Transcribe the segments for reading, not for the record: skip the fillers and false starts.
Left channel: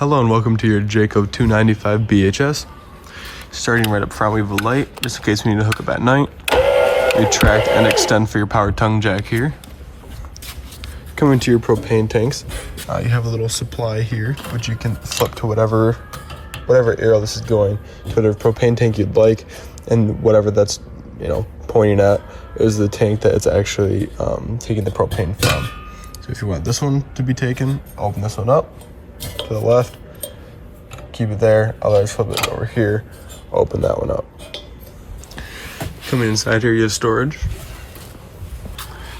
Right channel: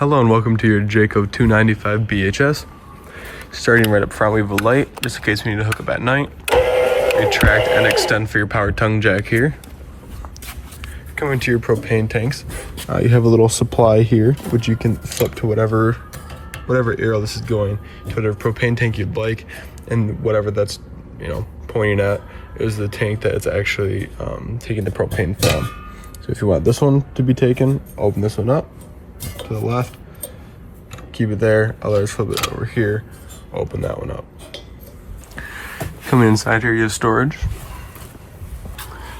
Hello and welcome to your Jayco 295 BHS. Starting right up front, we have a light, just in case we need to hook up at night. Retract and extend for your power tongue jack here. Coming to your propane tanks, you have a little supply here, which you can flip to whatever arrow this is going. Whatever propane tank you'd like, and whatever that's pointing at is the tank that it's actually taking the propane from. So if you want this one to be taken, open this one up to the left, keep it there, otherwise flip it over here, open that one up. Coming inside here, you have storage.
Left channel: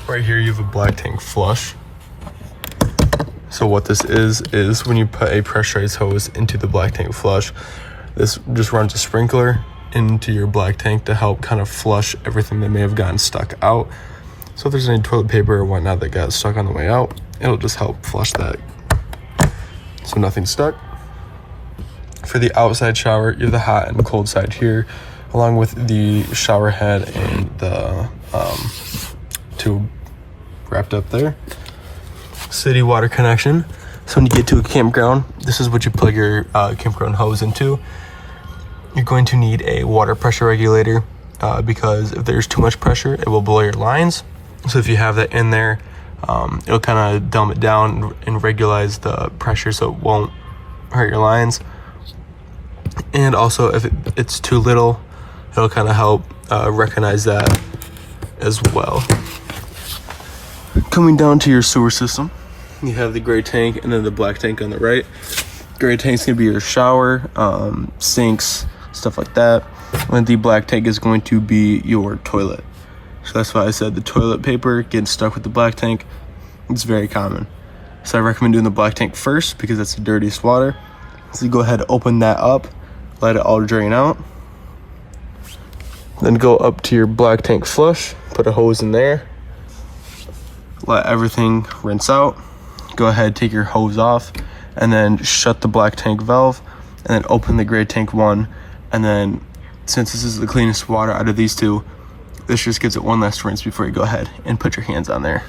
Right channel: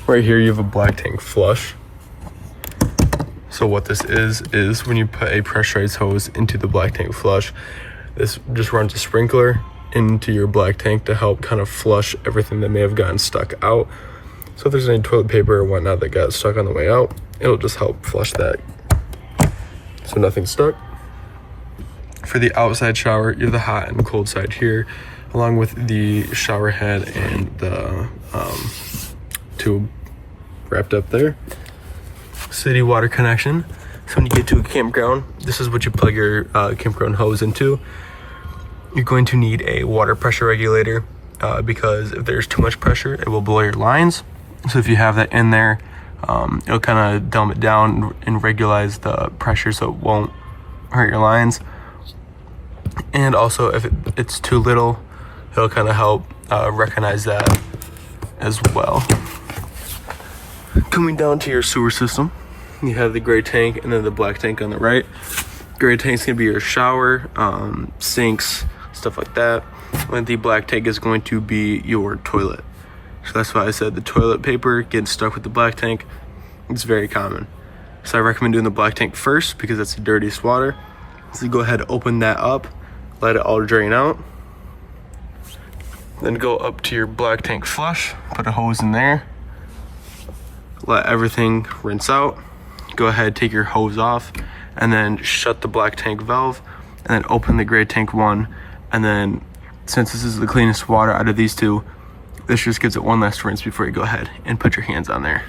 Right here you have a black tank flush. So what this is when you put a pressurized hose into the black tank flush, this just runs a sprinkler into your black tank to help kind of flush everything that may have gotten stuck out. So if there's any toilet paper or whatnot that got stuck on the way out, it'll just help flush that so nothing's stuck. For the outside shower, you have the hot and cold side here, along with the shower head and the tube wrapped up there. City water connection. So when you get to a campground, this is what you plug your campground hose into. You're going to need a water pressure regulator because if there's too much pressure, it will blow your lines. So if you have that in there, it'll kind of dumb it down and regularize the pressure so it won't hurt your lines. And also if it's too little, it'll kind of help recognize that as well. Coming down to your sewer system, you have the gray tank and then the black tank on the right. Gray tank's gonna be your shower, sinks, stuff like that. And the black tank is going to be your toilet. So that's why I said the toilet paper getting stuck with the black tank. It's very common. So I recommend doing the black tank first because that's the dirtiest water. So you go ahead, open that up, let it all drain out. Then go up to your black tank flush, put a hose in there, let everything rinse out. Go ahead, take your hose off, and then shut the black tank valve, and then open the gray tank one. And then since this is the cleanest water out of these two, this just gives it one last rinse before you go ahead and put your hands on there.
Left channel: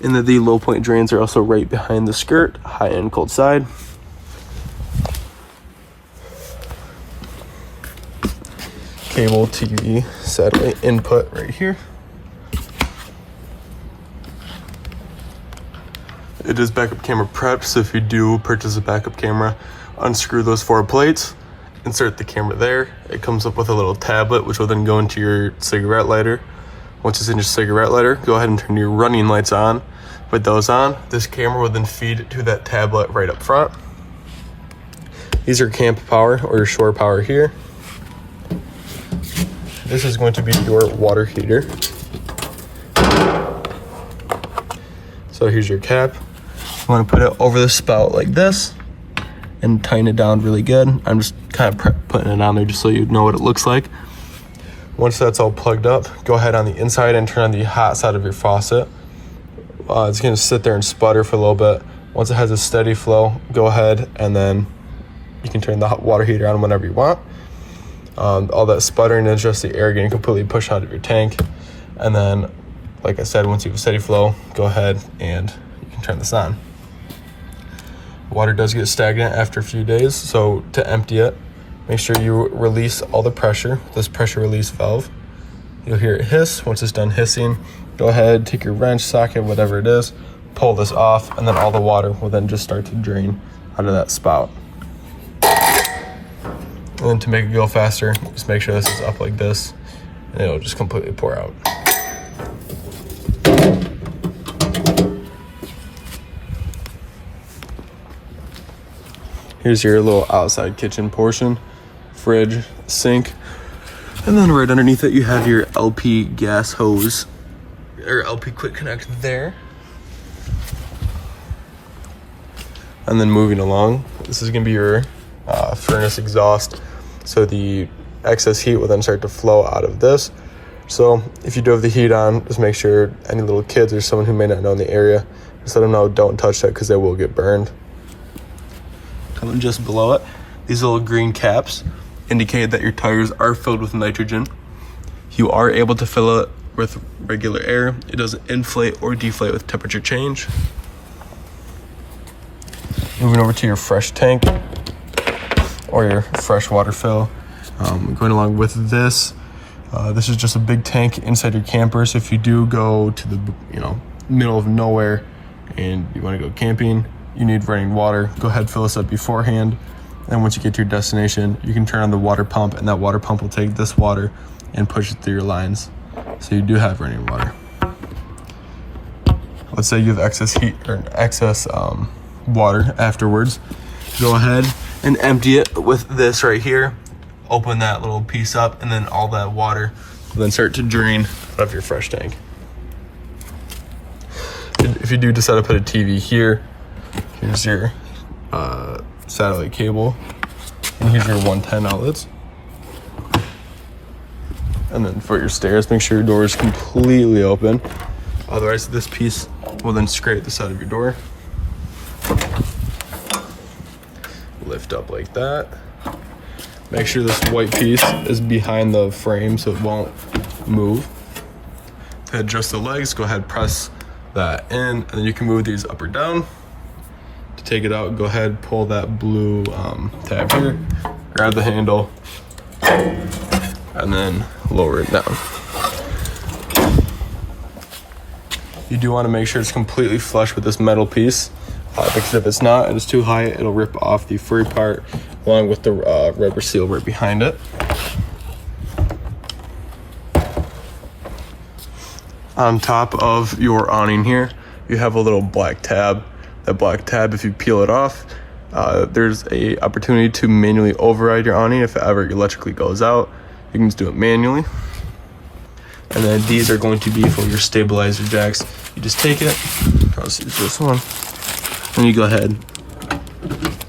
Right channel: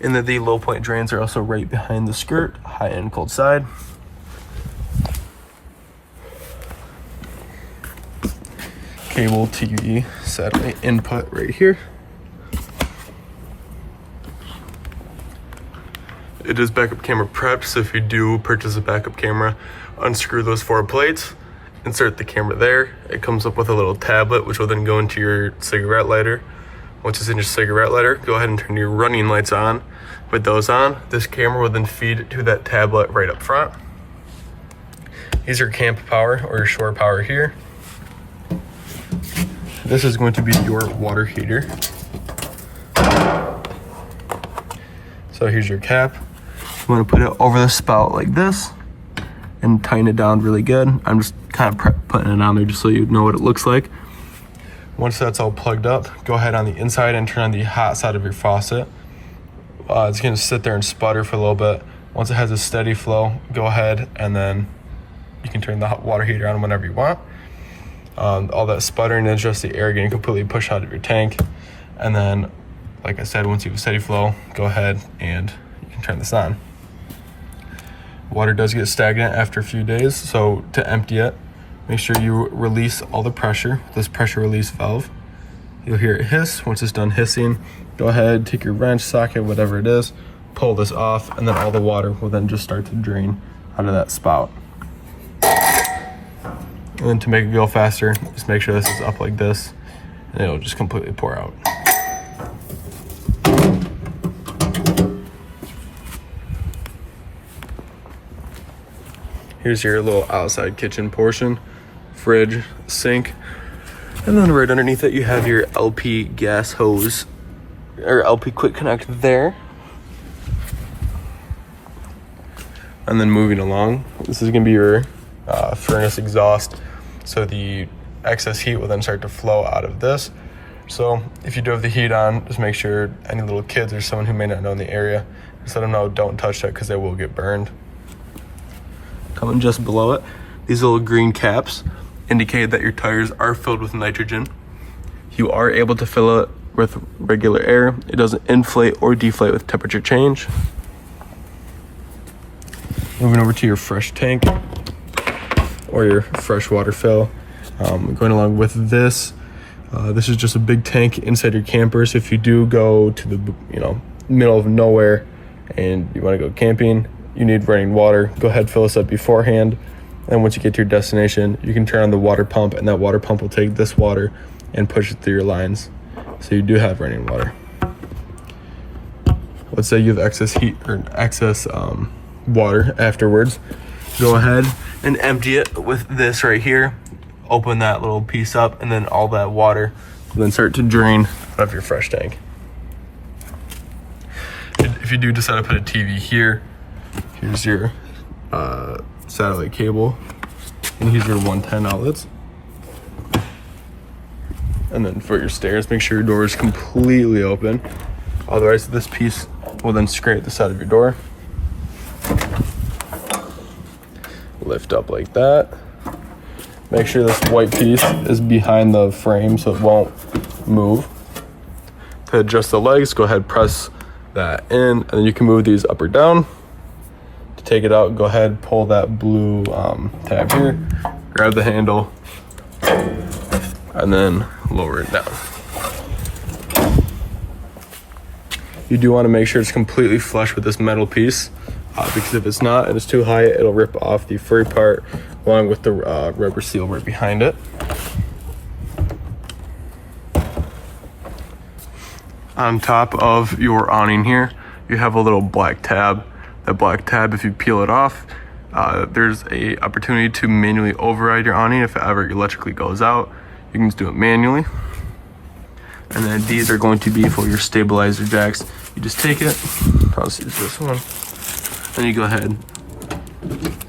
And then the low point drains are also right behind the skirt, high and cold side. Cable, TV, satellite input right here. It is backup camera prepped, so if you do purchase a backup camera, unscrew those 4 plates, insert the camera there. It comes up with a little tablet, which will then go into your cigarette lighter. Once it's in your cigarette lighter, go ahead and turn your running lights on. With those on, this camera will then feed to that tablet right up front. These are camp power or your shore power here. This is going to be your water heater. So here's your cap. You want to put it over the spout like this and tighten it down really good. I'm just kind of putting it on there just so you know what it looks like. Once that's all plugged up, go ahead on the inside and turn on the hot side of your faucet. It's going to sit there and sputter for a little bit. Once it has a steady flow, go ahead and then you can turn the hot water heater on whenever you want. All that sputtering is just the air getting completely pushed out of your tank. And then, like I said, once you have a steady flow, go ahead and you can turn this on. Water does get stagnant after a few days, so to empty it, make sure you release all the pressure with this pressure release valve. You'll hear it hiss. Once it's done hissing, go ahead, take your wrench, socket, whatever it is, pull this off, and then all the water will then just start to drain out of that spout. And to make it go faster, just make sure this is up like this, and it'll just completely pour out. Here's your little outside kitchen portion, fridge, sink, and then right underneath it you have your LP gas hose, or LP quick connect there. And then moving along, this is gonna be your furnace exhaust. So the excess heat will then start to flow out of this. So if you do have the heat on, just make sure any little kids or someone who may not know in the area, just let them know don't touch that because they will get burned. Coming just below it, these little green caps indicate that your tires are filled with nitrogen. You are able to fill it with regular air. It doesn't inflate or deflate with temperature change. Moving over to your fresh tank or your fresh water fill. Going along with this, this is just a big tank inside your camper. So if you do go to the middle of nowhere and you want to go camping, you need running water, go ahead, fill this up beforehand. And once you get to your destination, you can turn on the water pump, and that water pump will take this water and push it through your lines. So you do have running water. Let's say you have excess heat or excess water afterwards. Go ahead and empty it with this right here. Open that little piece up, and then all that water will then start to drain out of your fresh tank. If you do decide to put a TV here, here's your satellite cable, and here's your 110 outlets. And then for your stairs, make sure your door is completely open. Otherwise, this piece will then scrape the side of your door. Lift up like that. Make sure this white piece is behind the frame so it won't move. To adjust the legs, go ahead, press that in, and then you can move these up or down. To take it out, go ahead, pull that blue tab here, grab the handle, and then lower it down. You do want to make sure it's completely flush with this metal piece, because if it's not, it is too high, it'll rip off the furry part along with the rubber seal right behind it. On top of your awning here, you have a little black tab. That black tab, if you peel it off, there's a opportunity to manually override your awning if it ever electrically goes out. You can just do it manually. And then these are going to be for your stabilizer jacks. You just take it, I'll just use this one, and you go ahead,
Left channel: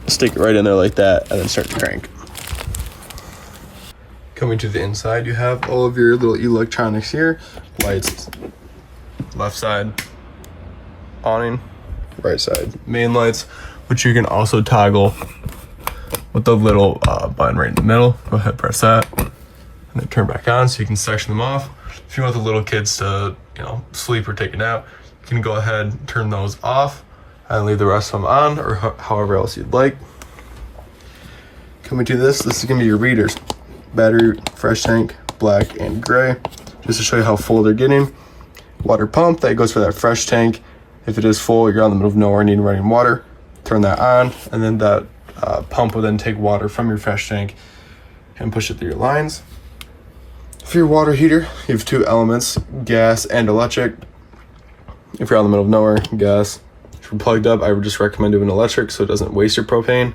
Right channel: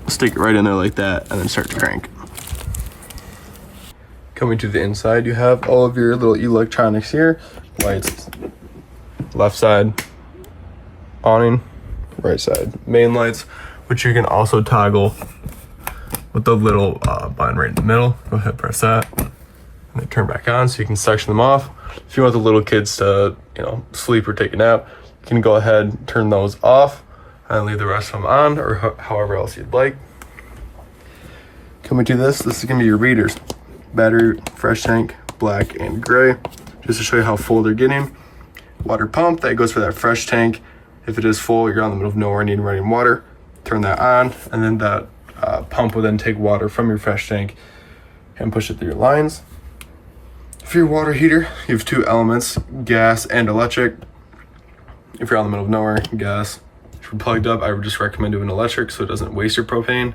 stick it right in there like that, and then start to crank. Coming to the inside, you have all of your little electronics here. Lights, left side, awning, right side, main lights, which you can also toggle with the little button right in the middle. Go ahead, press that, and then turn back on so you can section them off. If you want the little kids to, sleep or take a nap, you can go ahead and turn those off and leave the rest of them on, or however else you'd like. Coming to this is gonna be your readers. Battery, fresh tank, black and gray, just to show you how full they're getting. Water pump, that goes for that fresh tank. If it is full, you're on the middle of nowhere, needing running water, turn that on, and then that pump will then take water from your fresh tank and push it through your lines. For your water heater, you have two elements, gas and electric. If you're on the middle of nowhere, gas. If you're plugged up, I would just recommend doing electric so it doesn't waste your propane.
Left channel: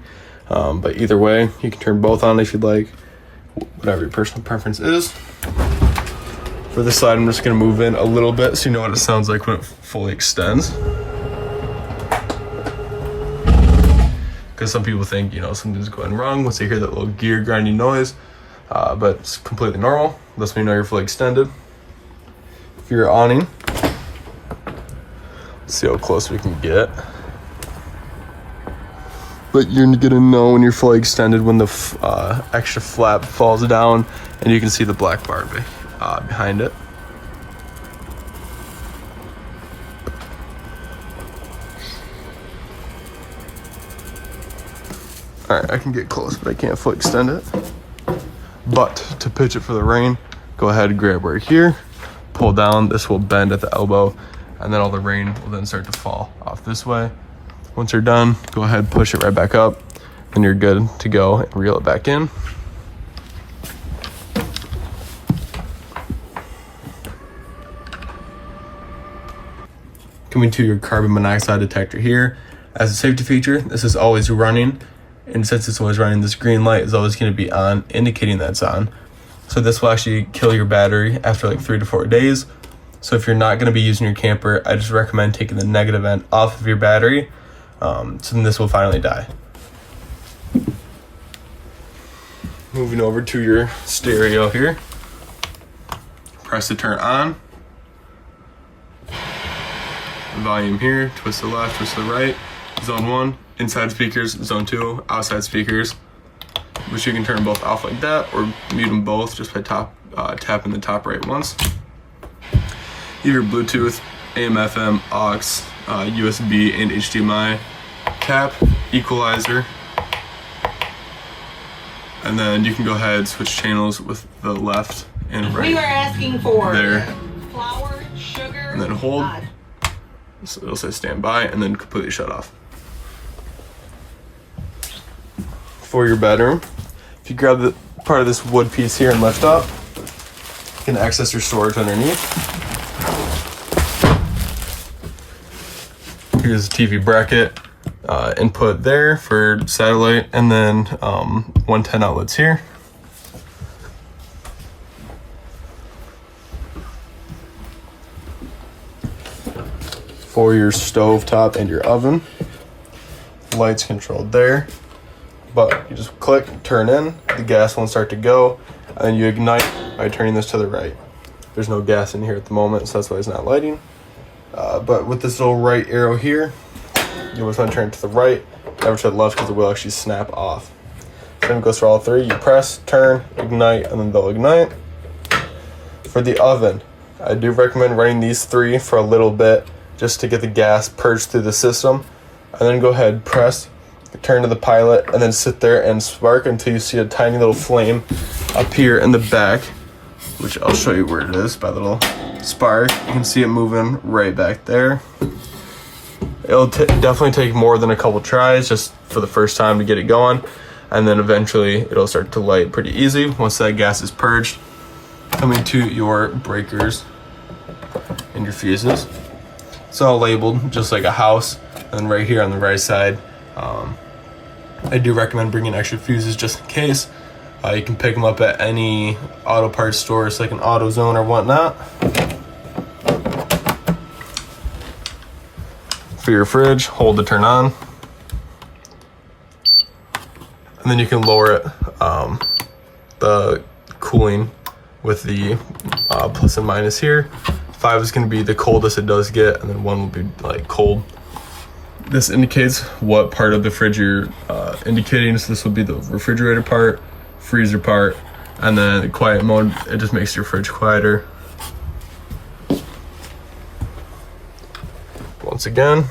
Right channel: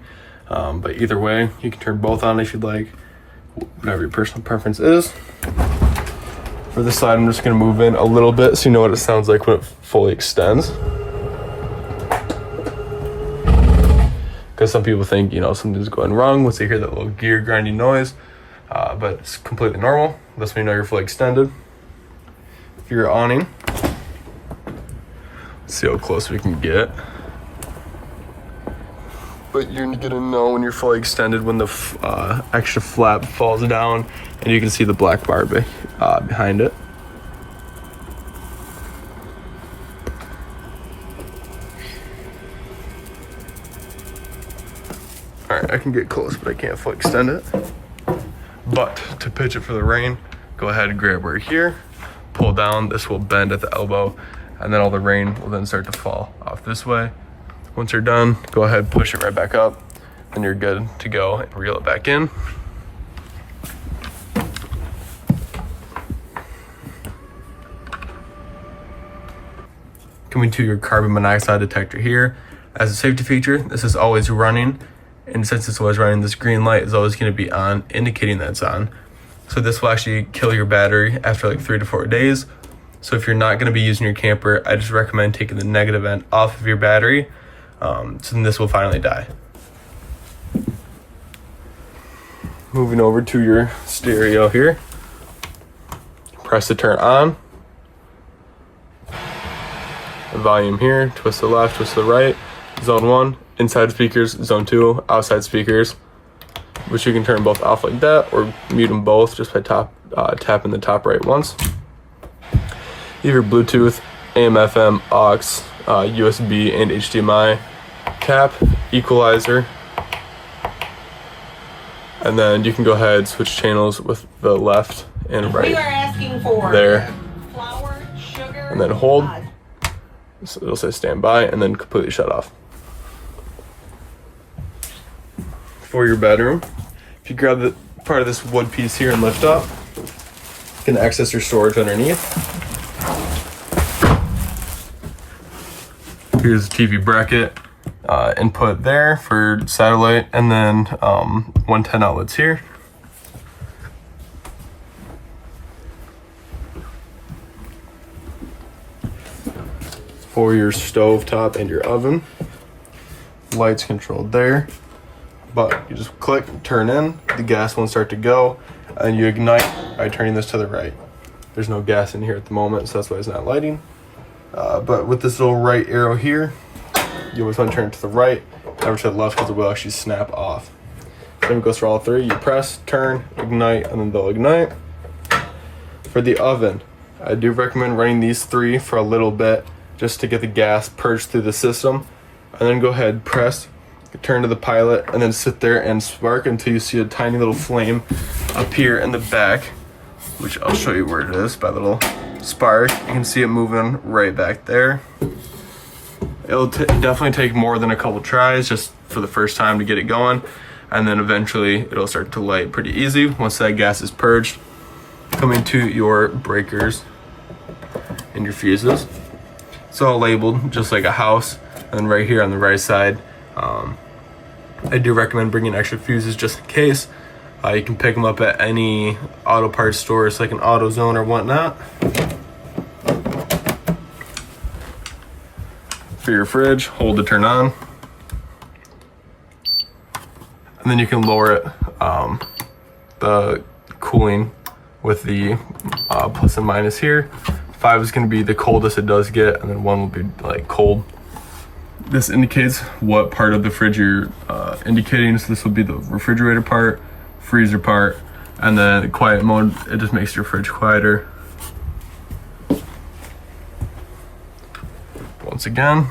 But either way, you can turn both on if you'd like, whatever your personal preference is. For this side, I'm just gonna move in a little bit so you know what it sounds like when it fully extends. Because some people think, something's going wrong once they hear that little gear grinding noise. But it's completely normal. Lets me know you're fully extended. For your awning, let's see how close we can get. But you're gonna know when you're fully extended when the extra flap falls down, and you can see the black bar behind it. All right, I can get close, but I can't fully extend it. But to pitch it for the rain, go ahead and grab right here, pull down, this will bend at the elbow, and then all the rain will then start to fall off this way. Once you're done, go ahead, push it right back up, and you're good to go and reel it back in. Coming to your carbon monoxide detector here. As a safety feature, this is always running. And since it's always running, this green light is always going to be on, indicating that it's on. So this will actually kill your battery after like 3 to 4 days. So if you're not going to be using your camper, I just recommend taking the negative end off of your battery. So then this will finally die. Moving over to your stereo here. Press the turn on. The volume here, twist to the left, twist to the right. Zone 1, inside speakers. Zone 2, outside speakers, which you can turn both off like that or mute them both just by tapping the top right once. You have your Bluetooth, AM, FM, aux, USB, and HDMI cap. equalizer. And then you can go ahead and switch channels with the left and right. We are asking for there. Flour, sugar, and then hold. So it'll say stand by and then completely shut off. For your bedroom, if you grab the part of this wood piece here and lift up, you can access your storage underneath. Here's the TV bracket, input there for satellite, and then 110 outlets here. For your stove top and your oven, lights controlled there, but you just click, turn in, the gas won't start to go, and you ignite by turning this to the right. There's no gas in here at the moment, so that's why it's not lighting. But with this little right arrow here, you always want to turn it to the right, never to the left, because it will actually snap off. Then it goes for all three. You press, turn, ignite, and then they'll ignite. For the oven, I do recommend running these three for a little bit, just to get the gas purged through the system, and then go ahead, press, turn to the pilot, and then sit there and spark until you see a tiny little flame up here in the back, which I'll show you where it is by the little spark. You can see it moving right back there. It'll definitely take more than a couple tries just for the first time to get it going, and then eventually it'll start to light pretty easy once that gas is purged. Coming to your breakers and your fuses. It's all labeled just like a house, and then right here on the right side, I do recommend bringing extra fuses just in case. You can pick them up at any auto parts stores like an AutoZone or whatnot. For your fridge, hold to turn on, and then you can lower it, the cooling with the plus and minus here. 5 is going to be the coldest it does get, and then 1 will be like cold. This indicates what part of the fridge you're indicating. So this will be the refrigerator part, freezer part, and then the quiet mode, it just makes your fridge quieter. Once again,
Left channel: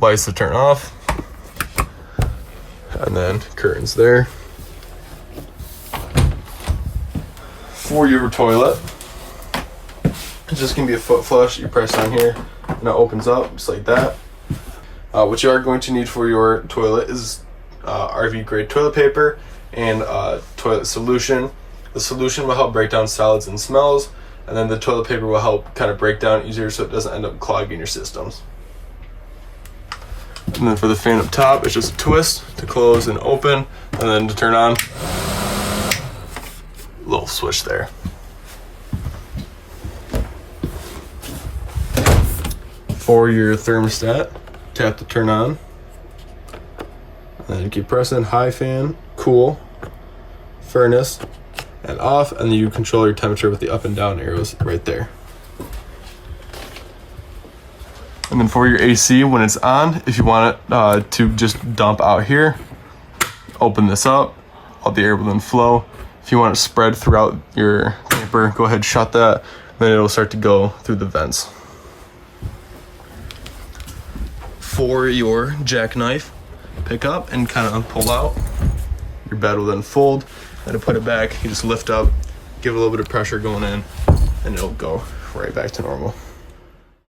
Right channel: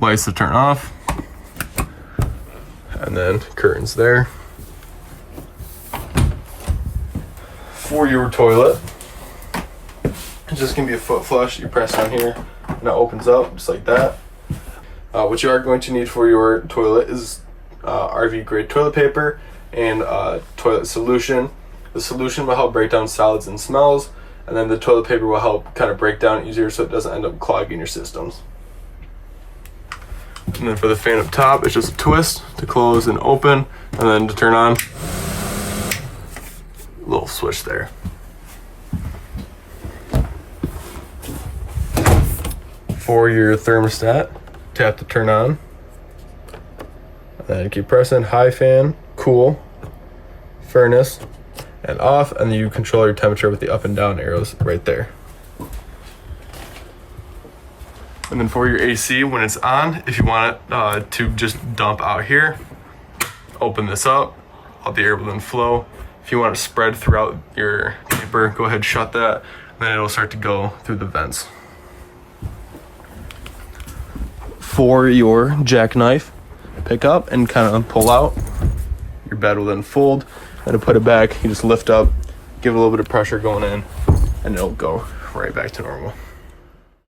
lights to turn off, and then curtains there. For your toilet, it's just gonna be a foot flush. You press on here and it opens up just like that. What you are going to need for your toilet is RV grade toilet paper and toilet solution. The solution will help break down solids and smells, and then the toilet paper will help kind of break down easier so it doesn't end up clogging your systems. And then for the fan up top, it's just a twist to close and open, and then to turn on, little switch there. For your thermostat, tap to turn on, and then keep pressing high fan, cool, furnace, and off, and then you control your temperature with the up and down arrows right there. And then for your AC, when it's on, if you want it to just dump out here, open this up, all the air will then flow. If you want it spread throughout your paper, go ahead, shut that, then it'll start to go through the vents. For your jackknife, pick up and kind of pull out. Your bed will then fold, and to put it back, you just lift up, give it a little bit of pressure going in, and it'll go right back to normal.